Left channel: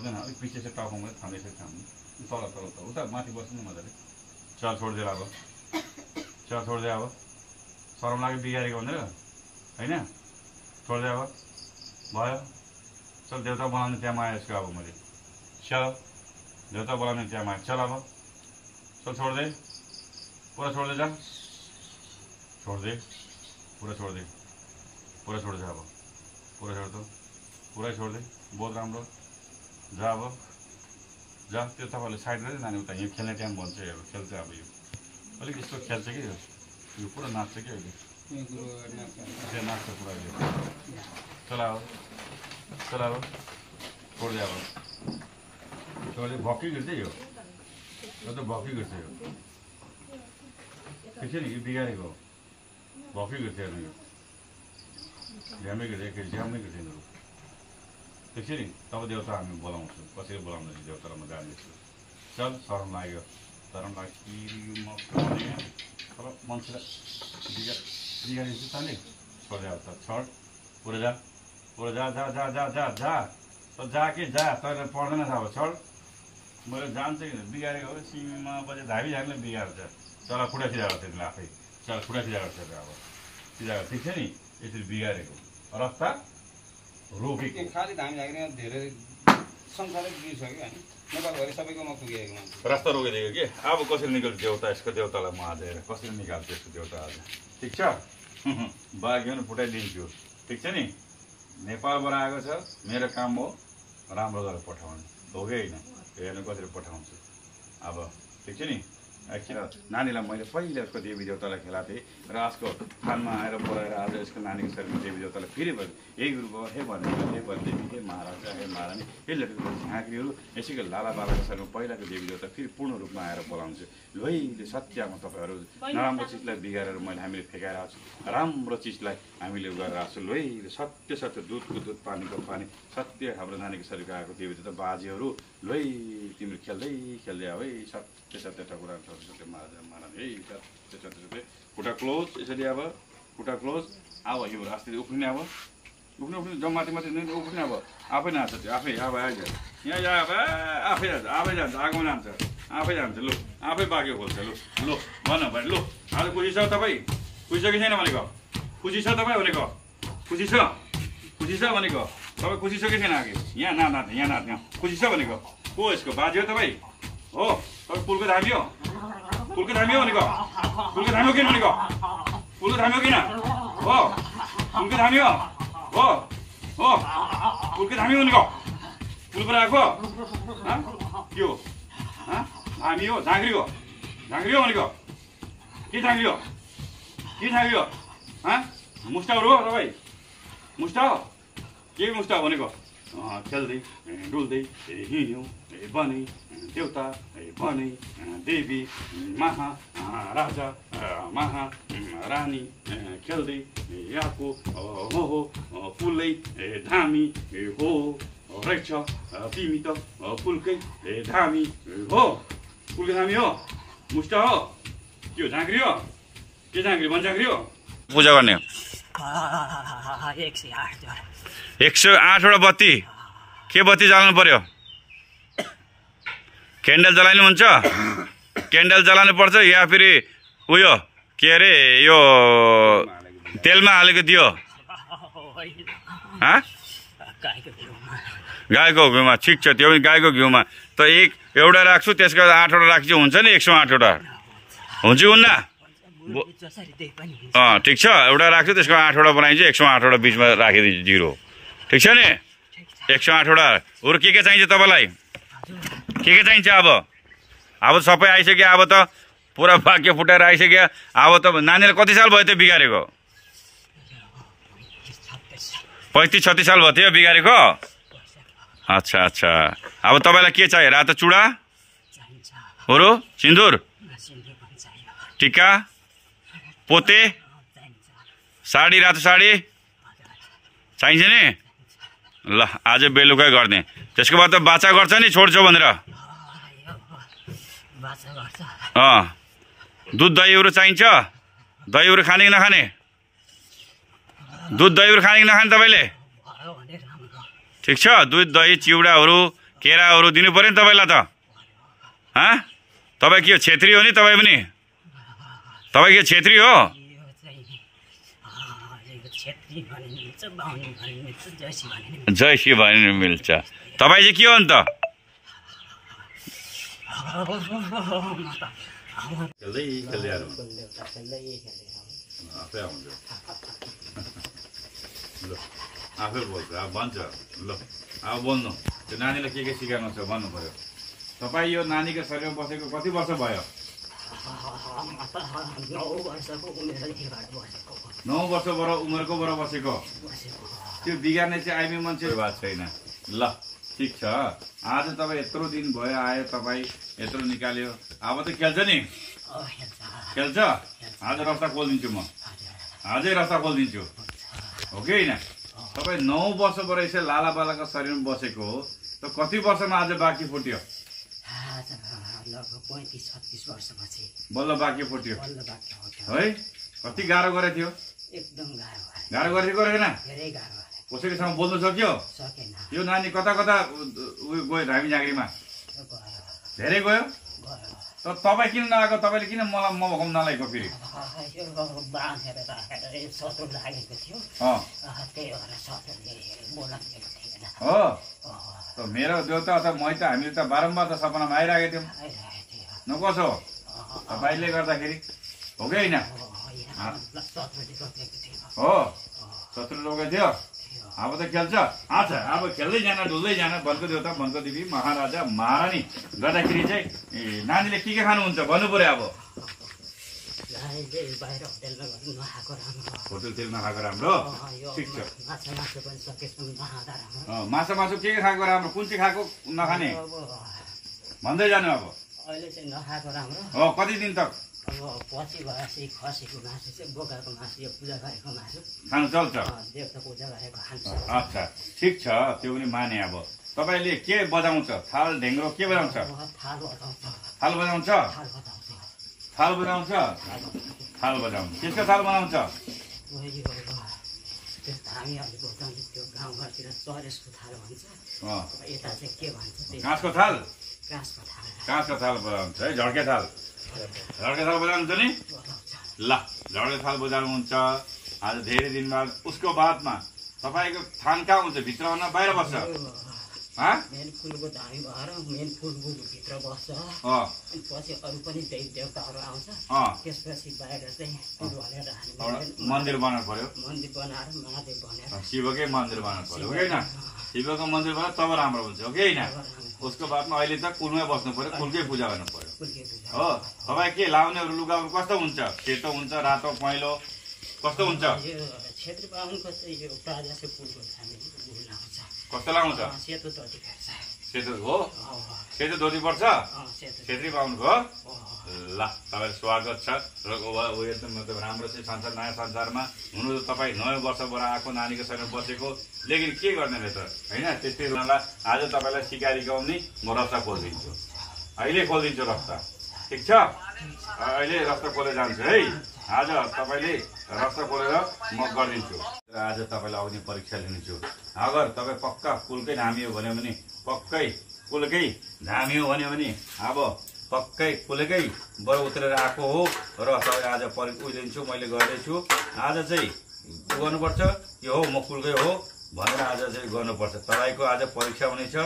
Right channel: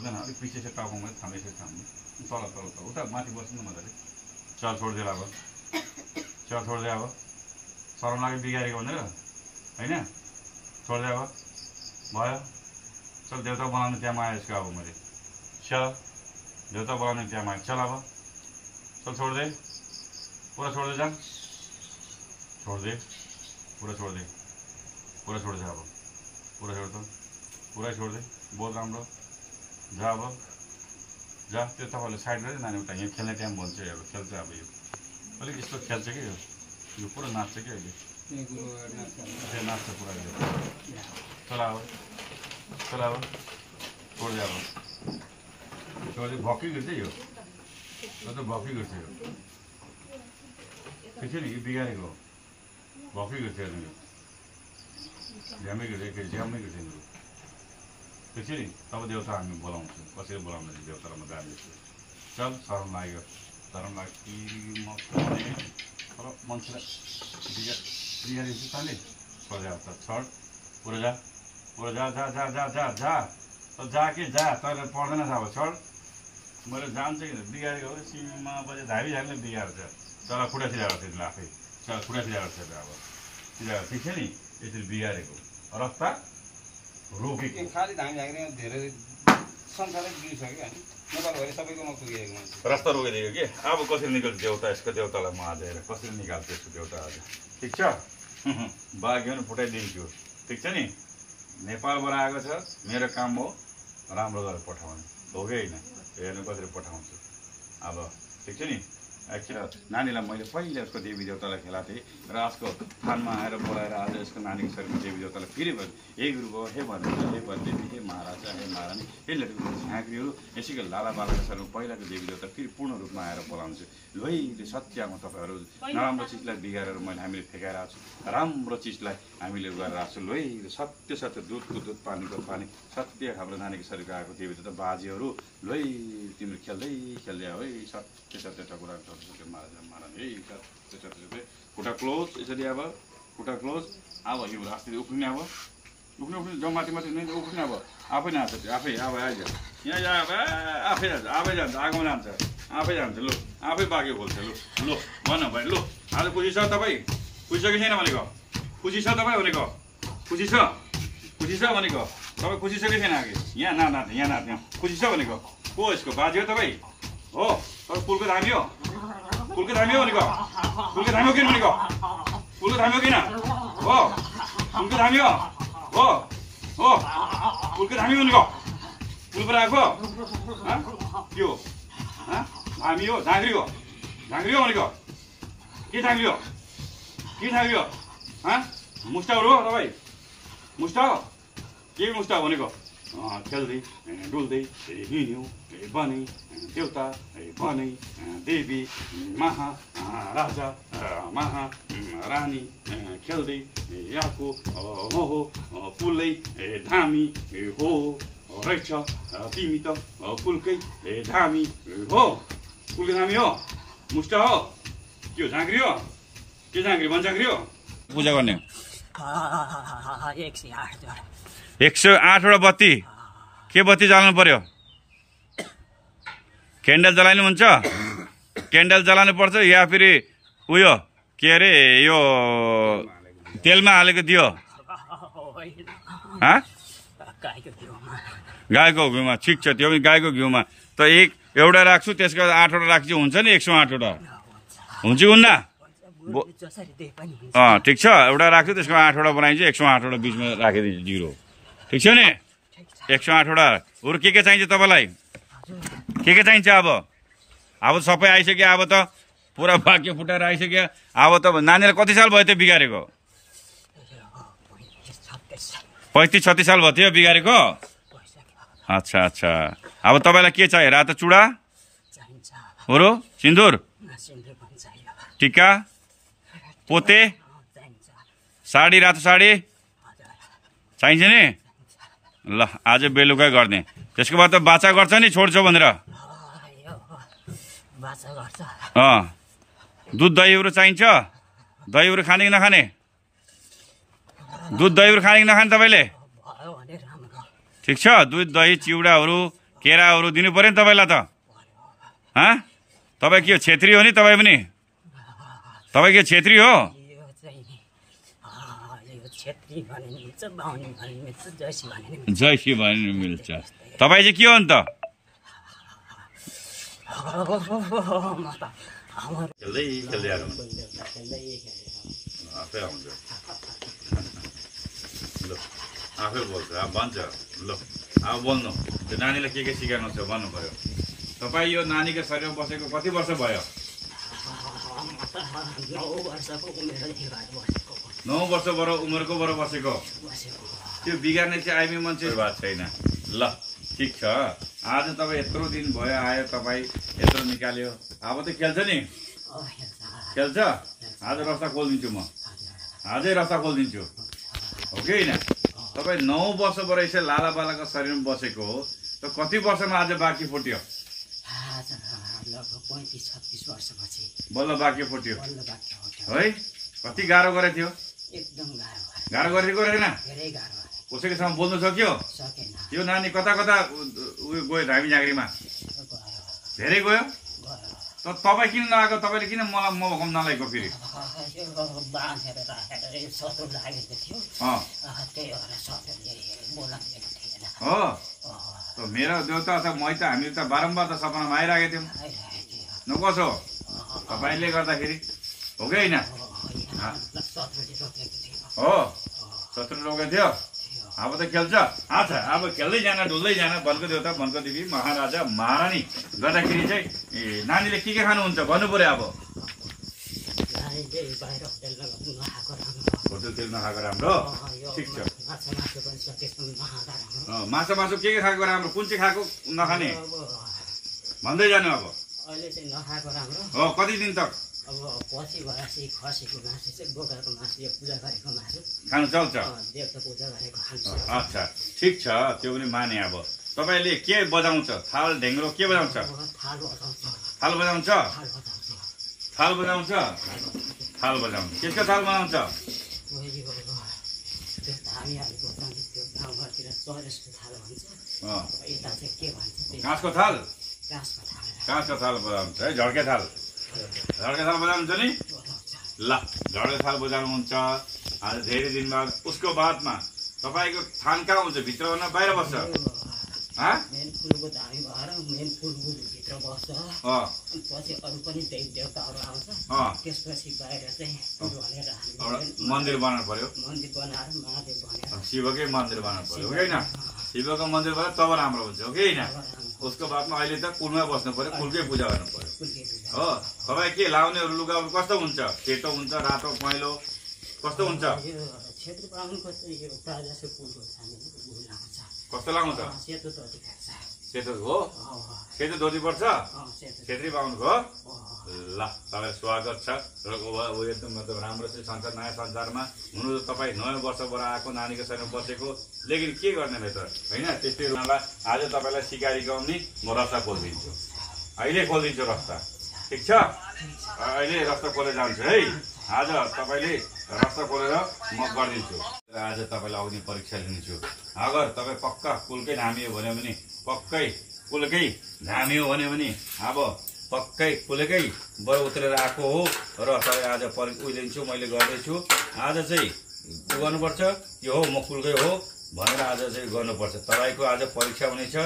हुँदैन अलिक पछि चाहिँ टाउकोमा थाम्दै थाम्नु तल तल तल उता माथि बस्नु न मजाले चल छोडिदिएर अब चल छोडिदिए अब सरम लाग्यो बिगारेको भनेर होइन छोडिदिए अब भयो चल देउता बनाउने त्यहाँ आयो यसको अब मैले चल देउता बनाउने त्यहाँ आयो चल अब चल छोडिदे पुरा छोडिदे जान छोडिदे पुरा छोडिदे पुरा छोडिदे अब पुरा छोड दो पुरै छोडिदे बहुत राम्रो जा अब जा त्यो तपाईँले साइड गरेर नानी उता यहाँ खेल्ने टाइम भन्छ अब खेल्छ अब यो अलिक यस्तो खेल्छ कि यो पुरा नाच्छ कि अहिले त्यो नाच्छ पुरा अहिले चला अब छोडिदियो अब छोडिदियो भक्कै गिर्छ यो त भक्कै गिर्छ यो ठिक छ नि यो बिगारेको हो भक्कै गिर्छ हेर्नु यो झ्यामै गिर्छ एक झ्यामै गिर्छ यिनीहरू ठिक छ नि तब देउता हामी बोलाउँछौँ कसरी बोलाउँदैछ देउतालाई म जान्दैछु चल शरम लाग्यो शरम लाग्यो म तर मान्छेलाई बिगारिदिन्छु तैँले छोडिदियो त छोड पुरा जा जा जा जा जा जा जा जा कि जा तैँले पढ्दैन अब छोड मैले जान्छ कि बिगारेको हो सिमा बजे धाबी झारीले बिगार्छ चल खुट्टा सिधा गर्छ तिमीले आफै चल खुट्टा सिधा गर्छ अब सिधा गर्छ ठिक छ नि यसरी बिगारेको रस्ता रोकेको खालि धामी झाँक्री धेरै संसारै बिग्रिसक्यो होइन नेपालभरि सबैकोमा पुगेको मान्छे रास्ता रोकिदियो कि अब कसरी निकाल्छ देउता यसको देउतालाई म आज हेरेर कसरी निकाल्छ यसको देउता आज ठिक छ बाघ्यो भने फुटाइदिन्छु ठिक छ नि नेपालबाट आएको छ मेरो काम हो राम्रो गरेर पठाउने हो कि होइन हेर्नु कसरी पठाउँछु अब ठिक छ नि एकछिन नानीलाई मैले पहिले उसको देवी देउतालाई खेलाएको थिएँ र आजको थानमा आएर बोलाएर आज यसको नानीको शरीरमा देवी देउतालाई फेरि भयो हे गुरुबाबा हे वरदेवी हे महाराजा हे महारानी हे लटुको झाँक्रीहरू यसैको लाला बालाको शरीरमा पहिलाको देवी देउता फेरि पूर्ण रूपमा आएर बोलाउँछु लोइले सत्यमा तपाईँहरू नराम्रो चिजलाई बिगारेर हामीले फेकाएर आएको छु राम्रो चिजलाई हामीले गरेर आएको छु लोइले सत्य सत्य दुधको दुध पानीको पानी सत्य हाम्रो नानीको शरीरको आएको देवी देउता बाजेहरू लोइ तिम्रो खेल्दै खेल्दै आऊ है सत्य सत्य ठकुरा सत्य महाराजा महारानी है सत्य सत्य सत्य खुट्टा क्लोज यसरी अब खुट्टा क्लोज अब यो रास्ता उफ्रिने अब उफ्रिने जम माथि माथि उफ्रिने अब आफै नाच्छ त्यो आफै अब आइज यहाँ अब आफै जान्छ आफै जान्छ आगोमा जान्छ आफै जान्छ लु आफै बाँकी खोल्छ लु लु भन भाइ लु आज खुसी छ तपाईँ खुसी छ कि छैन भनेको खुसी छ तपाईँ भनेको खुसी छ भनेको तपाईँ खुसी छ कि छैन अघि यहाँ नाच्ने यहाँ नाच्ने खुसी छ भनेको को यसको बाजे हो तपाईँ हो तपाईँ पुलको धामी हो भनेको पुलको धामी हो किन भनेको पुलको धामी हो किन हो पुलको धामी हो पुलको धामी भनेको पुल पर आएको के हो धामी हो झाँक्री हो भनेको के झाँक्री हो मुस्टा हो तपाईँ मुस्टा हो के मुस्टा हो भनेको खेल्दै डुल्दै हिँड्यौँ बनै देउता बनै देवी महाराजा महारानी खेल्दै आएको हो पुलै धामी हो रहेछ तिमी त पुलकै धामी हो पुलकै धामी हो मुस्टा हो के हो झाँक्री हो के झाँक्री वन झाँक्री हो पूजा गर्ने 108 वटा बत्ती के बत्ती जलाउनु पर्यो क्यान्डल जलाउनु हुन्छ क्यान्डल जलाउनु पर्छ या फेरि उयो के अरे यो तेलमा हालेको दियो गाईको घिउमा ठिक छ त्यो पनि गाईको घिउमा त एउटा राख्छु त्यसको 8 वटा राख्छु हुन्छ नि 108 वटा हुन्छ हुन्न ठिक छ एउटा राख्छु त्यसको 8 वटा बनाइन्छ 108 वटा बिचमा राखिदिन्छु 0 ठिक छ नि 108 वटा अरू के चाहिन्छ तपाईँलाई के चाहिन्छ अब सबै आइसक्यो अब त पुरा भाग्य फुटाएर आइसक्यो अब त नानीलाई कति साल भयो त्यो बिगारेको 35-36 साल भयो थियो बिगारेको अच्छा अब तपाईँलाई के चाहियो रातो चुडा अरू सिन्दुर टिका पोते साडी रातो साडी चाहिन्छ नि ल आज बेलुकै गर्ने त्यसको बाद त बाचा गर्छ नि छोड्छौ भनेर दुध दहीहरू चाहिन्छ दहीहरू खाने कि नखाने दुध दहीहरू खाने कि नखाने तपाईँले ठिक छ दुध दही चिउडाहरू केराहरू दिनु पर्यो नि तपाईँलाई त तपाईँ के हो छेत्री हो नि तपाईँ पनि तपाईँ के छेत्री हो जयसी भने मिल्छ तपाईँ चाहिँ के हो नि त आफै बोल्छ अब भन्छ ल अब बोल्नु त्यो नानीलाई के सिकाउनु छ भन्नु पर्यो तपाईँ यो नानीको शरीरमा बसेको कति वर्ष भयो 9 वर्षबाट उमेरको बाट बसेको त्यो बिगार्ने चाहिँ आइमी मान्छे भएको छैन ल ठिक छ आज तपाईँ यत्रो दिन भयो आयो तपाईँ यत्रो निकाल्यो अब त खेल्छ नि खेल्छ आज रस्ता खोलिदिन्छु म आजै रस्ता खोलिदिन्छु हो कि होइन तपाईँ 9 वर्षबाट यसो लाला बालाको शरीरमा बसेको हो त कति वर्षमा आज बाँकी फुट्यो बल्ल बाँकी फुट्यो है कति गाह्रो गरेको थियो एकदम गाह्रो गरेको गरेन कसैकोसँग बोल्नु सक्यो यो नानी कता कता गयो धामी झाँक्रीमा धेरै गयो तपाईँ किन नआएको तपाईँले किन मलाई म भगाउन नलागेको फेरि हो मेरो देउता त मै त हामीले त बारम्बार त सपनामा आइरहेको थियौँ न कसो तपाईँले गर्दाखेरि हो कि होइन हो शत्रु लोगेको थियो अब त खेल्छ अच्छा अब खेल्दै जान डुल्दै जान वनको देउता वनको देवी महाराजा महारानी गर्दाखेरि चाहिँ नानीले के खानुहुन्छ भन्नु पर्यो अब होटलतिर नखाएको राम्रो ठिक छ माछा मासु के खाएको राम्रो कुन चाहिँ खाएको नखाने भन्दै जानु अब अहिले चाहिँ नखाएको राम्रो हो कति दिन तक अब पछि गएपछि खसीको मासु चाहिँ बोकाको मासु यो पूजा गरेको मासु खानु चल्छ देवता पूजा गरेको खान्छ अच्छा ठिक छ त्यो पनि माने अब तपाईँले के बजाउँछ थाल ढेङ्ग्रो के बजाउँछ थाल बजाउँछ थाल बजाउँछ थाल बजाउँछ त्यसको थाल बनाउँछ गाउँघरतिर चरेसको थाल भन्छ यता चाहिँ के भन्छ काँसको थाल काँसको थाल काँसको थाल बजाउँछ है झड्के थाल झड्के थाल बजाउनुहुन्छ नि ल झड्के थाल बजाउनुहुन्छ आज धेरै दिन बाद उसको बादमा तपाईँको थान कहाँ हुन्छ भित्र हुन बाहिर बस्छ मेन फुलको धामी भएर मेन फुलको भित्र बस्छ पछि अरू पनि देवी देवताहरू आउँछ त्यसपछि बाहिर चाहिँ फुल भनेर मन्दिर बनाउनु पर्यो मन्दिर बनाएर महादेव भनेर शिवकै मन्दिर बनाउनु पर्यो होइन शिवको मन्दिर बनाएर तब राम्रो हुन्छ हो कि होइन उसको बादमा अहिले त कुलमै बस्नु पर्यो कुलकै पूजा गर्नु पर्यो हो तपाईँ के लाउनेहरू लुगाहरू कस्तो हुन्छ सेतो हुन्छ रातो पहेँलो कस्तो हुन्छ क्षेत्र बाहुनको चाहिँ यो प्रायः जस्तो फुलको धामी लाउँछ कस्तो लाउँछ सेतो धोती पर्छ सेतो हो सेतो धोती पर्छ छेत्री बाहुनको हो ल तपाईँलाई स्वागत छ र एकदम मतलब राम्रो चाहिँ संसार नयाँ संसारमा हुनु त तपाईँ 9 वर्षबाट आएको नानीको शरीरमा बसेको लेकिन के गर्ने रहेछ होइन त्यस्तै आज तपाईँलाई सिकारी गाउने म रस्ता खोलिदिन्छु अहिले खोलिदिन्छु रस्ता ठिक छ अहिले रस्ता खोलेर जान्छु है आज तपाईँले रस्ता खोलेर म गरिदिन्छु आज तपाईँलाई आउने परीक्षा लिन्छु अगर तपाईँ पक्का कुलकै धामी हो भन्यो भने पक्कै कुलकै धामी हो भन्यो भने अब पक्कै कुलकै बर उत्रेर आएको हो र तपाईँ आज उहिलेन्छु मैले गर्दैछु आज चाहिँ गर्नुपर्छ यो हो म कुलकै हो भनेर आज चाहिँ गर्नुपर्छ तपाईँको आज परीक्षा हुनेछ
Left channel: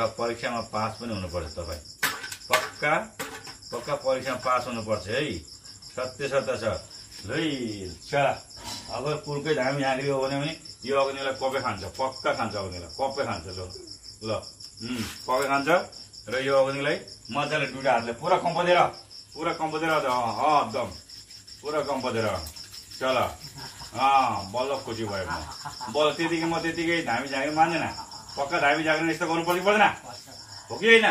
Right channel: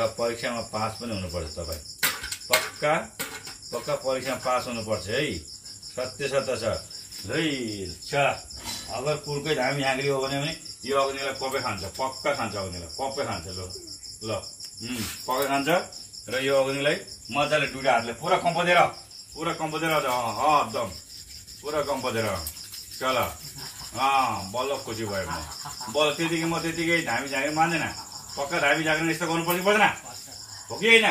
र परीक्षामा पास पनि हुनुपर्छ तपाईँ पक्का पक्का परीक्षामा पास हुनुपर्छ है सत्य सत्य छ है चला अगर कुलकै धामी झाँक्री हो भने यो अग्निलाई कपै खान्छ पक्का खान्छ अग्निलाई कपै खान्छ ल कपै खान्छ र यो अग्निलाई मजाले दुईटा हातले पुरा कम्पदेर एकदम पुरा कम्पदेर चल बल्ल खुसी भयो म बल्ल त्यतिकै म त्यतिकै धामी झाँक्री मान्दैन पक्का धामी झाँक्री यस्तो गर्नुपर्छ पर्दैन हो कि होइन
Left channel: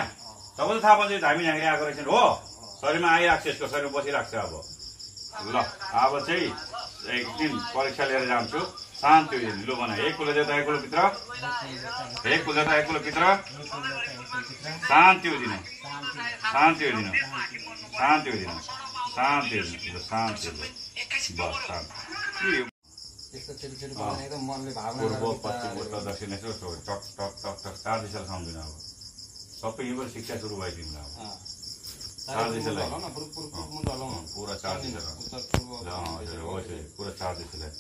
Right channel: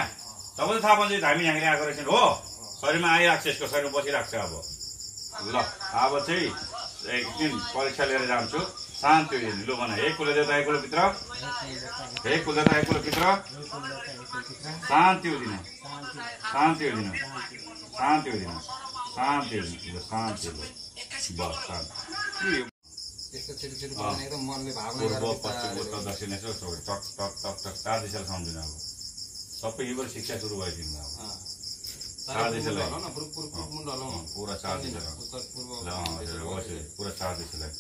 तपाईँ त थाहा पाउँछ धामी झाँक्री आएको रहेछ हो शरीरमा आइरहेको छ यसको शरीरमा बसिरहेको छ अब ल अब चाहिँ एक दिन परीक्षा लिएर जान्छु शान्ति लु भन एक कुल देवता एक कुल भित्र एक कुल देवता एक कुल भित्र शान्ति दिनु शान्ति दिनु शान्ति दिनु शान्ति दिनु शान्ति बस शान्ति पूर्व पश्चिम उत्तर दक्षिण यसो टक टक टक टक 4 दिशाले सम्झिनु अब सबै यहीँबाट शिक्षा सुरु भयो तिमीलाई अब चार देशलाई होला न पुरुष मुन्ड होला न पुरा 4 देशलाई उत्तर पूर्व पुरा 4 देशलाई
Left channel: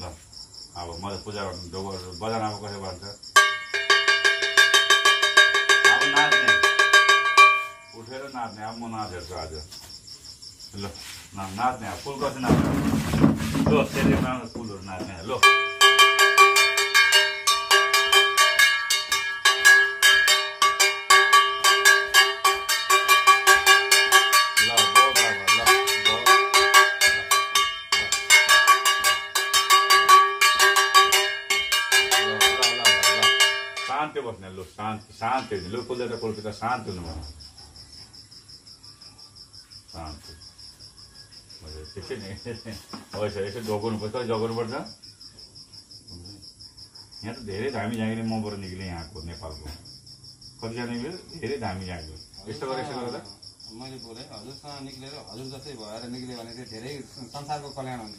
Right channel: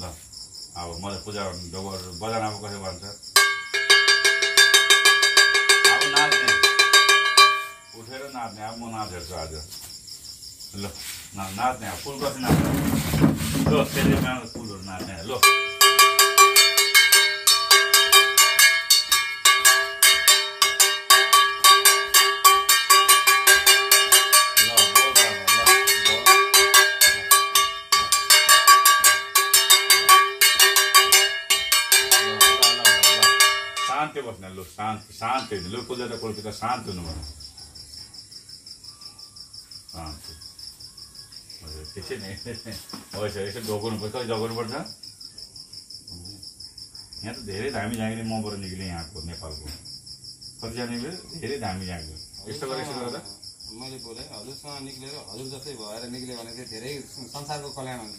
ल अब मैले पूजा गर्नु बजान अब कसो भन्छ अब नाच्ने उठेर नाच्ने अब म नाचेछु आज ल नाच्ने अब फुल कसरी नाच्ने ल त्यसले फुलहरू नाच्ने ल शान्ति बस्ने लु शान्ति लु कुलदेवता कुलपिता शान्ति हुनु भन शान्ति त्यसै नै होइन यसो जोगाउनुपर्छ कहिले जोगाउनुपर्छ यहाँ त धेरै धामी झाँक्री मबाट निक्ले यहाँको नेपालको कतिजना निक्ल्यो धेरै धामी झाँक्यो यस्तो गरेर मैले बोलेँ हजुरसँग निक्लेर हजुर जस्तै भएर निक्ल्यो भने चाहिँ धेरै संसारको कल्याण हुन्छ